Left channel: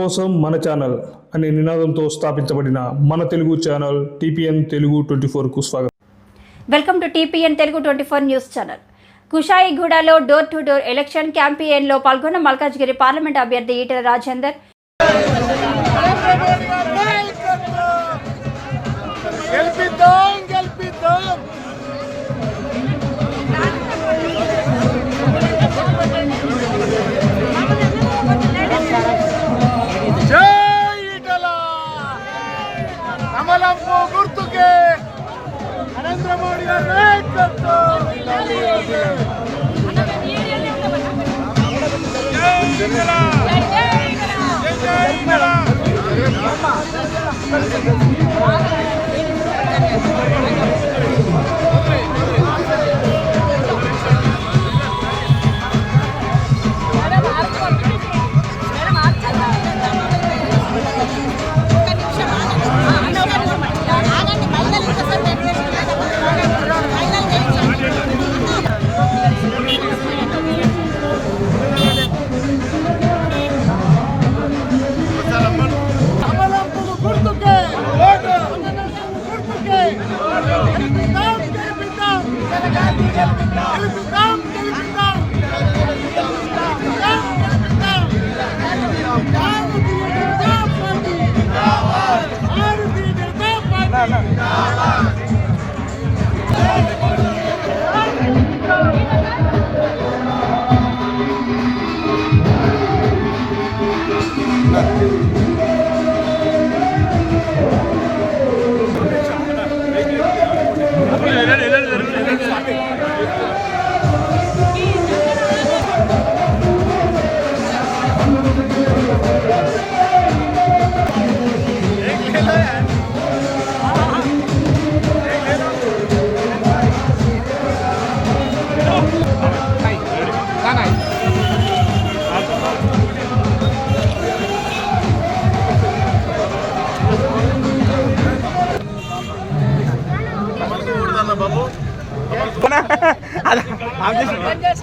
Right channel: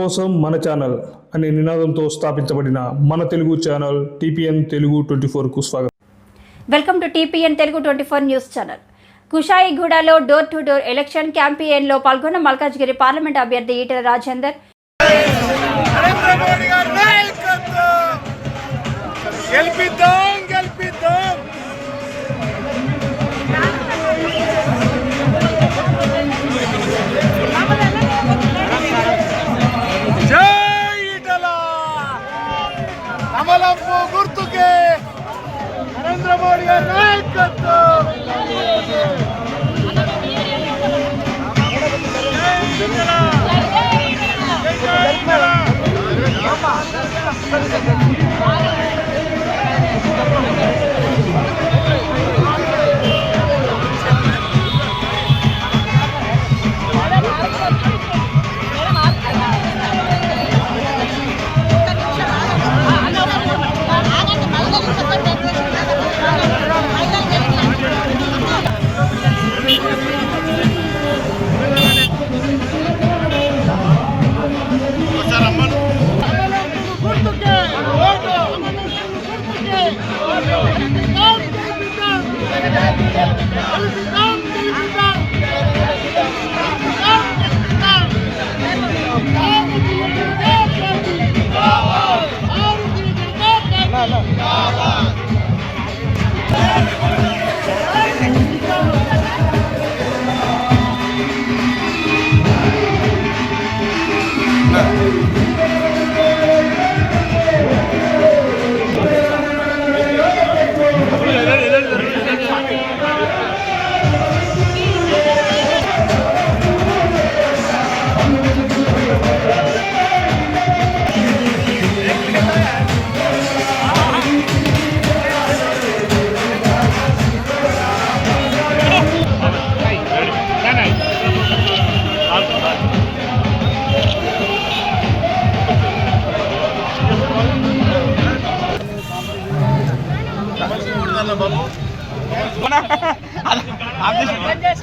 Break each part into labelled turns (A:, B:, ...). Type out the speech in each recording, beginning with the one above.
A: కోసం మన ఛానల్ అనే నినాదంతో స్థాపించబడిన మన Telugu channel TPN Telugu twenty ఫోర్కు స్వాగతం.
B: Welcome to TPN Telugu twenty four news channel. కుషాయిగూడలో door to door election క్యాంపెయిన్లో పాల్గొన్న మల్కాజ్గిరి పార్లమెంట్ అభ్యర్థి ఈటెల రాజేందర్.
C: గెలిపిద్దాం! కమలంపు గుర్తుకే నరేంద్ర మోడీ గారి నాయకత్వం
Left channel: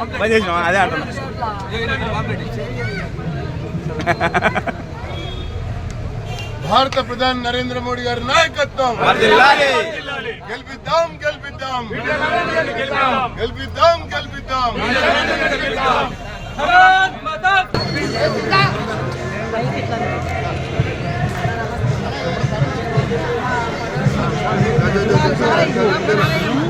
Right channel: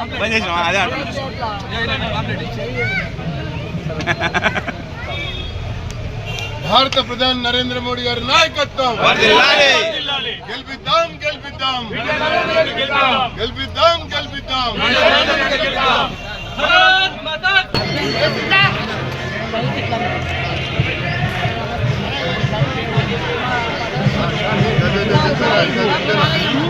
D: అదే
C: భారత ప్రధాని నరేంద్ర మోడీ గారి నాయకత్వం గెలిపిద్దాం గెలిపిద్దాం గెలిపిద్దాం గెలిపిద్దాం
E: ఈటల రాజేంద్ర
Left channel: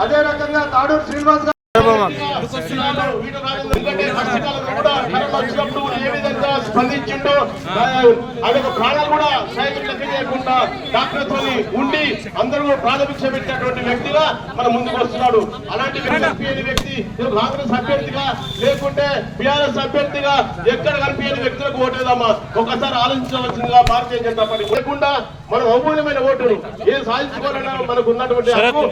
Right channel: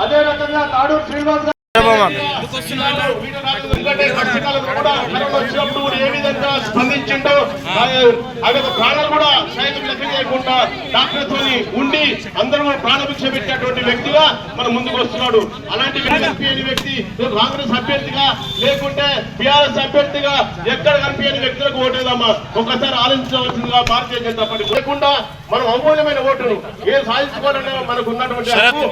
C: అదే రకంగా తాడూరు శ్రీనివాస్ స్పందించిండు ఆయన ప్రాణాలు కూడా సైతం లెక్క చేయకుండా డాక్టర్ తోని ఉండి అందరూ ప్రాణభిక్ష పెట్టినటువంటి వ్యక్తిగా మన ముందుకు వస్తున్నాడు. అలాంటి కనిపించని వ్యక్తి కాంగ్రెస్ అభ్యర్థిగా లేకుంటే బీఆర్ఎస్ అభ్యర్థిగా ఎక్కడ కనిపించని వ్యక్తులకు ఓటేదమ్మా ఒకసారి ఆలోచించవలసిందిగా భారతీయ జనతా పార్టీ లేకుండా మనం అమూల్యమైన ఓటును ఏ సాధించుకోవాలన్నా మనకు ఉన్నటువంటి హక్కు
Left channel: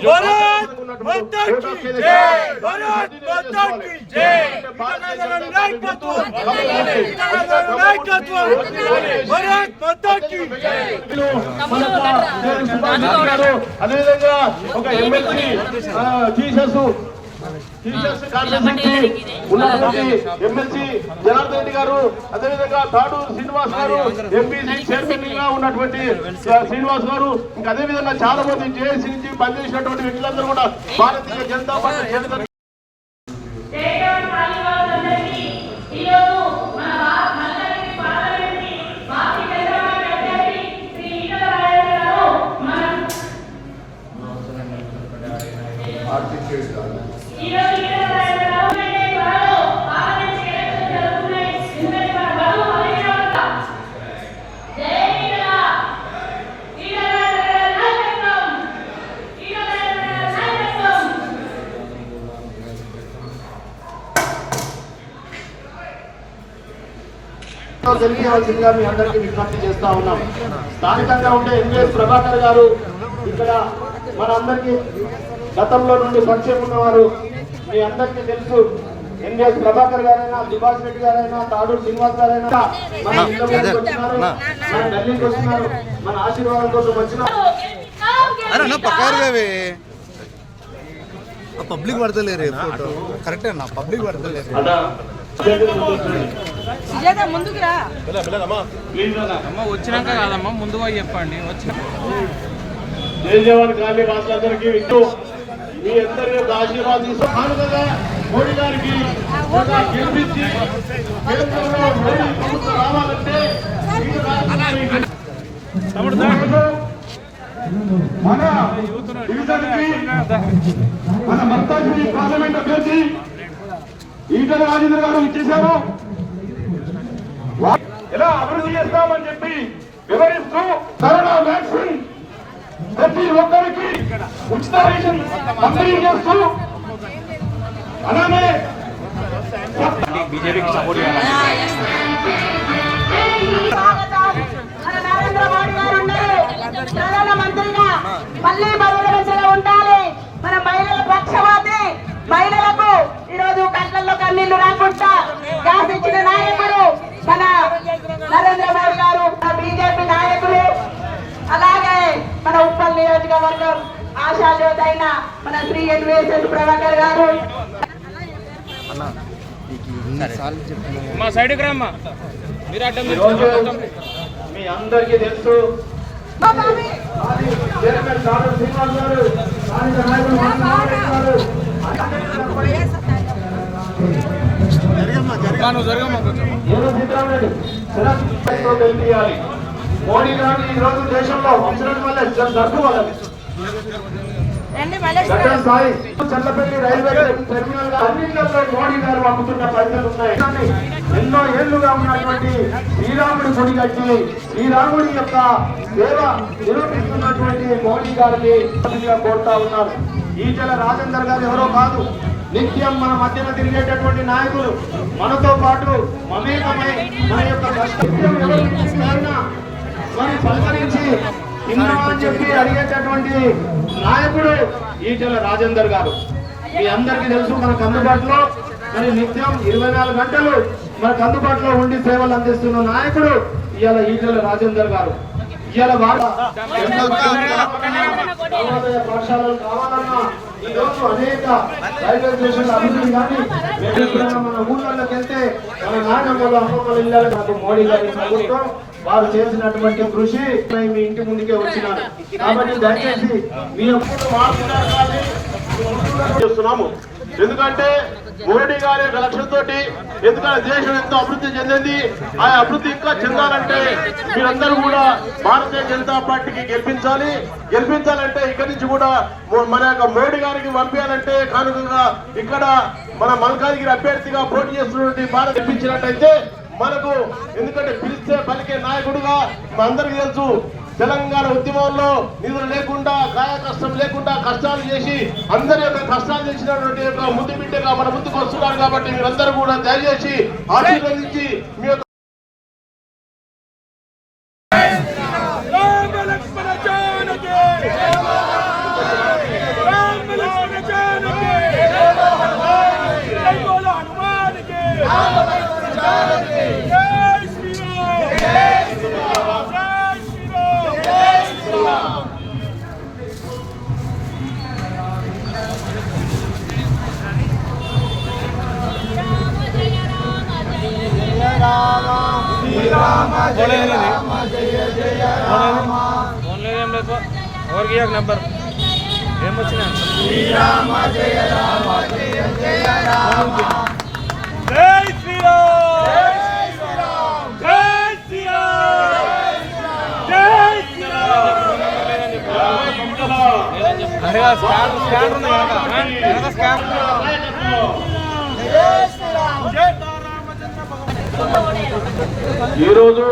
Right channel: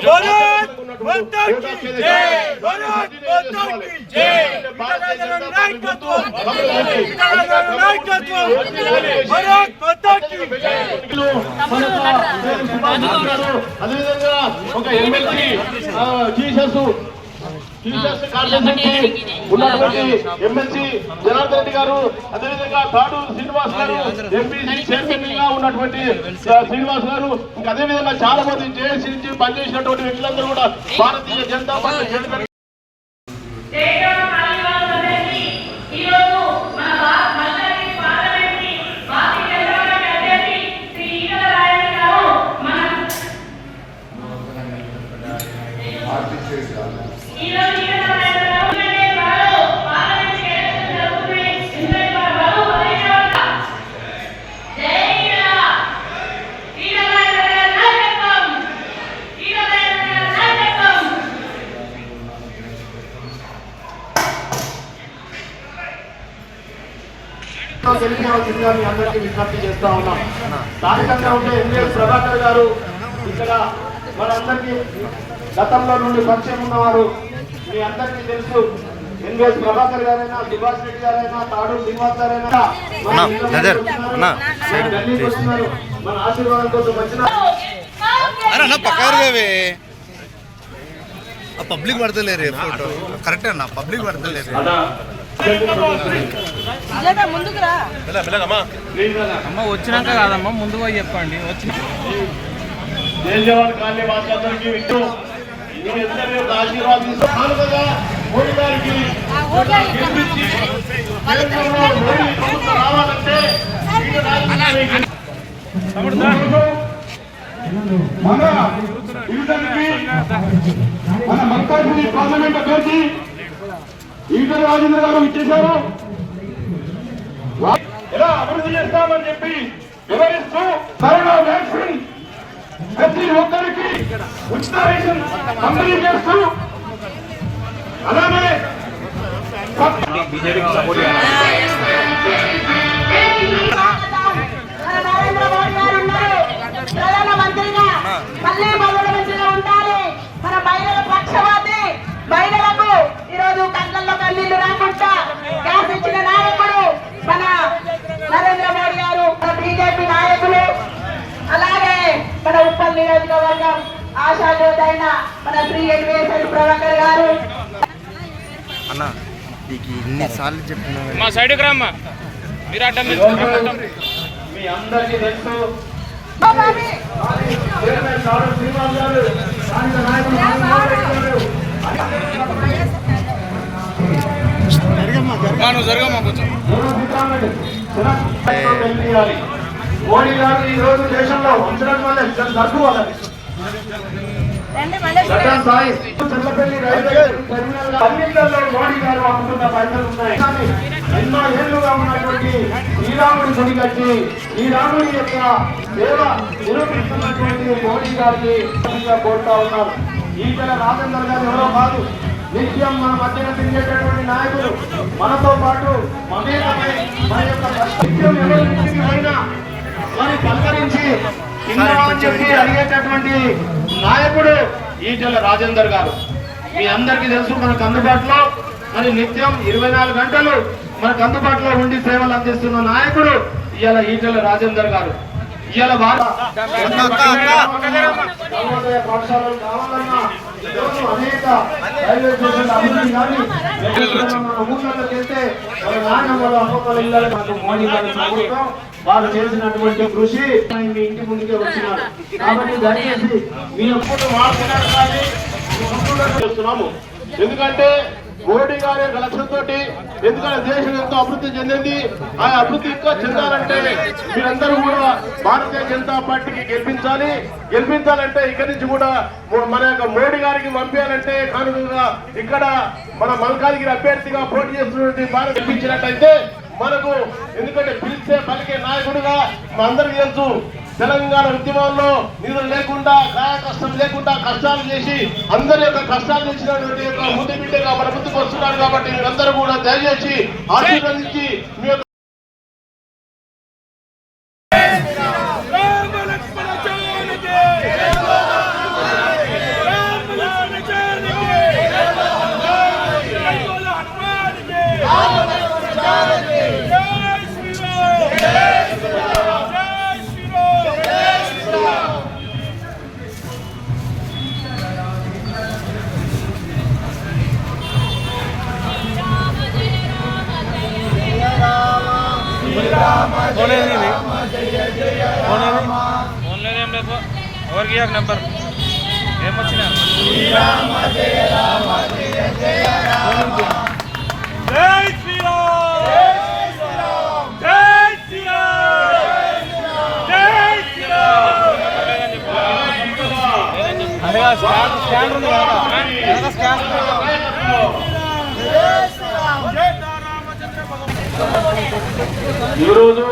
C: అదేవిధంగా ఒక ఎమ్మెల్సీ జీసస్ టీచర్స్ కాన్స్టిట్యూన్సీ ఉన్నటువంటి ఎమ్మెల్సీ జనార్దన్ రెడ్డి గారు అదేవిధంగా తాడు శ్రీనివాస్ గారు ఎంపీసీ చైర్మన్గా ఉన్నటువంటి శ్రీనివాస్ గారు ఇంకా అదేవిధంగా చాలా మంది జేఏసీ నుంచి పనిచేసినటువంటి వ్యక్తులందరూ కూడా భారతీయ జనతా పార్టీ జనతా తెలియవలసిందిగా మీ అందరికీ విజ్ఞప్తి చేస్తా ఉన్నాం స్థానికంగా ఉండే ప్రభాకర్ గారు ఇక్కడ మనందరికీ గతంలో నుండి పరిచయం ఉన్నవారు మీ అందరికీ తెలుసు ఎంజీఎస్ ప్రభాకర్ గారైనా దివాస్ రెడ్డి గారైనా తాడు శ్రీనివాస్ గారైనా మన ఆశీర్వాదం కోసం
F: ఆ పబ్లిక్ పడతలేరు ఫోటో కరెక్టే అన్న పబ్లిక్ పడతలేరు
G: వచ్చినాక కాదమ్మా ముందుగా చెప్పండి వచ్చిన
C: దేశవాడ కాలనీ వాసులందరికీ వింటూ మీ అందరి యొక్క ఆశీర్వాదం కానుకగా మోడీ గారికి ఒక గెలిపించి కేంద్రంలో మోడీ ప్రభుత్వం రావాలంటే ఈ రాజకీయాన్ని మన డివిజన్కి మన పార్లమెంట్ అభ్యర్థి ఈటల రాజేంద్ర గారు ఇచ్చేశారు. ఎలా అభివృద్ధి చేస్తామని చెప్పి వివరిస్తూ కరోనా వ్యాక్సిన్ ప్రతి ఒక్కరికి ఉచిత రేషన్ పంపిణీ చేస్తూ అలానే బీజేపీకి సపోర్ట్ చేయాలి?
H: మన నరేంద్ర మోడీ గారు ఉన్నారు ప్రధాన మంత్రిగా మళ్ళీ మొదటి దశలో ఉండాలి మన మహిళల పక్షపాతి మహిళలకు ఈరోజు కళ్ళల్లో కన్నీళ్ళు రాకుండా గ్యాస్ ఇచ్చిన నాయకుడు మన నరేంద్ర మోడీ గారు మన బీజేపీ నాయకులు అలాగే మన ఉప్పల్ నియోజకవర్గం ఆశా జ్యోతి అయిన మన శ్రీ ఎన్వీఎస్ఎల్ ప్రభాకర్ గారు.
F: అన్న నీకు ఇన్నిసార్లు చెప్పినా కానీ
G: మా సైడ్కి రమ్మా. మీరు అడ్డం
C: మీ అందరికీ తెలుసు.
G: జరగమ్మా కొంచెం.
C: మోడీ గారిని ఈ రోజు దేశంలో ఉంచడం వల్ల జరుగు సాయి. చల్లపల్లి రైల్వే టెర్మినల్ అన్నింటిలో మోడీ గారు అమ్ముతున్న పైసలు ఉన్నాయి. కానీ ఎన్నో ఏళ్ళుగా ఉన్నటువంటి శ్రీరాముడి గుడి కట్టి శ్రీరాముడి యొక్క సేవ నిరూపిస్తున్నటువంటి మోడీ గారికి కోరుతా ఉన్నారు ఈటల రాజేందర్ గారు ఎవరో కాదు. నిత్యం మన మధ్యన తిరిగేటటువంటి నాయకులు. మనతో పాటు మమేకమై మన యొక్క నిత్యం ఎవరి మరి పలకరించి తిన్నామని చెప్పి అడిగేటటువంటి నాయకుడు ఈటెల రాజేందర్ గారు. మీ అందరికీ తెలుసు మనకు అందుబాటులో మరి నిత్యం ఇరవై నాలుగు గంటలు మనకు అందుబాటులో ఉండి సేవలు అందిస్తున్న నాయకుడు ఇవాళ ఈటెల రాజేందర్ గారు. ఇవాళ వారు పాఠశాలలు కావాలన్నా ఈరోజు అనేక రైల్వే స్టేషన్ల అభివృద్ధి కానీ ఎక్కడైనా మన ఊళ్ళలోకి వెళ్తే మన నాయనమ్మలు అమ్మమ్మల ఇళ్ళకి మనకు మోడీ గారి ప్రభుత్వం వాళ్ళు చేసినటువంటి కృషి మీ ఇంటి ముందుకే వచ్చినారు. కాబట్టి దయచేసి మీ చేస్తున్నాము. ఎందుకంటే మోడీ గారి యొక్క లక్ష్యంతో ఎందుకంటే దేశం ఎంతో అభివృద్ధి చెందింది. ఆ అభివృద్ధి ఇంకా చెందాలంటే మీరందరూ కూడా భారతీయ జనతా పార్టీకి గెలిపించాలి. గెలిపించాలంటే ఇక్కడి నుంచి కూడా మన యొక్క మోడీ గారికి పంపించాలంటే కానుకగా ఇక్కడ మన మల్కాజిగిరి అభ్యర్థిగా పోటీ చేస్తున్నటువంటి భారత్ గెలిపించినట్టయితే మనకు ఎందుకంటే పిలిస్తే పలికే నాయకుడిగా అందరికీ తెలుసు తెలంగాణ ఉద్యమంలో నిధులు లేకుండా గాయ కష్టం లేకుండా కష్టాలు చేసి అందరి యొక్క కష్టాలు చేసినటువంటి యొక్క ముందు బిడ్డగా మన ముందుకు వస్తున్నారు కాబట్టి మీరందరూ కూడా దయచేసి ఆశీర్వదించి మీ యొక్క
G: ఏం లేదు ఎవరికి ఇయ్యకు నెంబర్ ఏమొచ్చినా
C: జై శ్రీరామ్ జై శ్రీరామ్ జై శ్రీరామ్ జై శ్రీరామ్
I: ఈ రోజు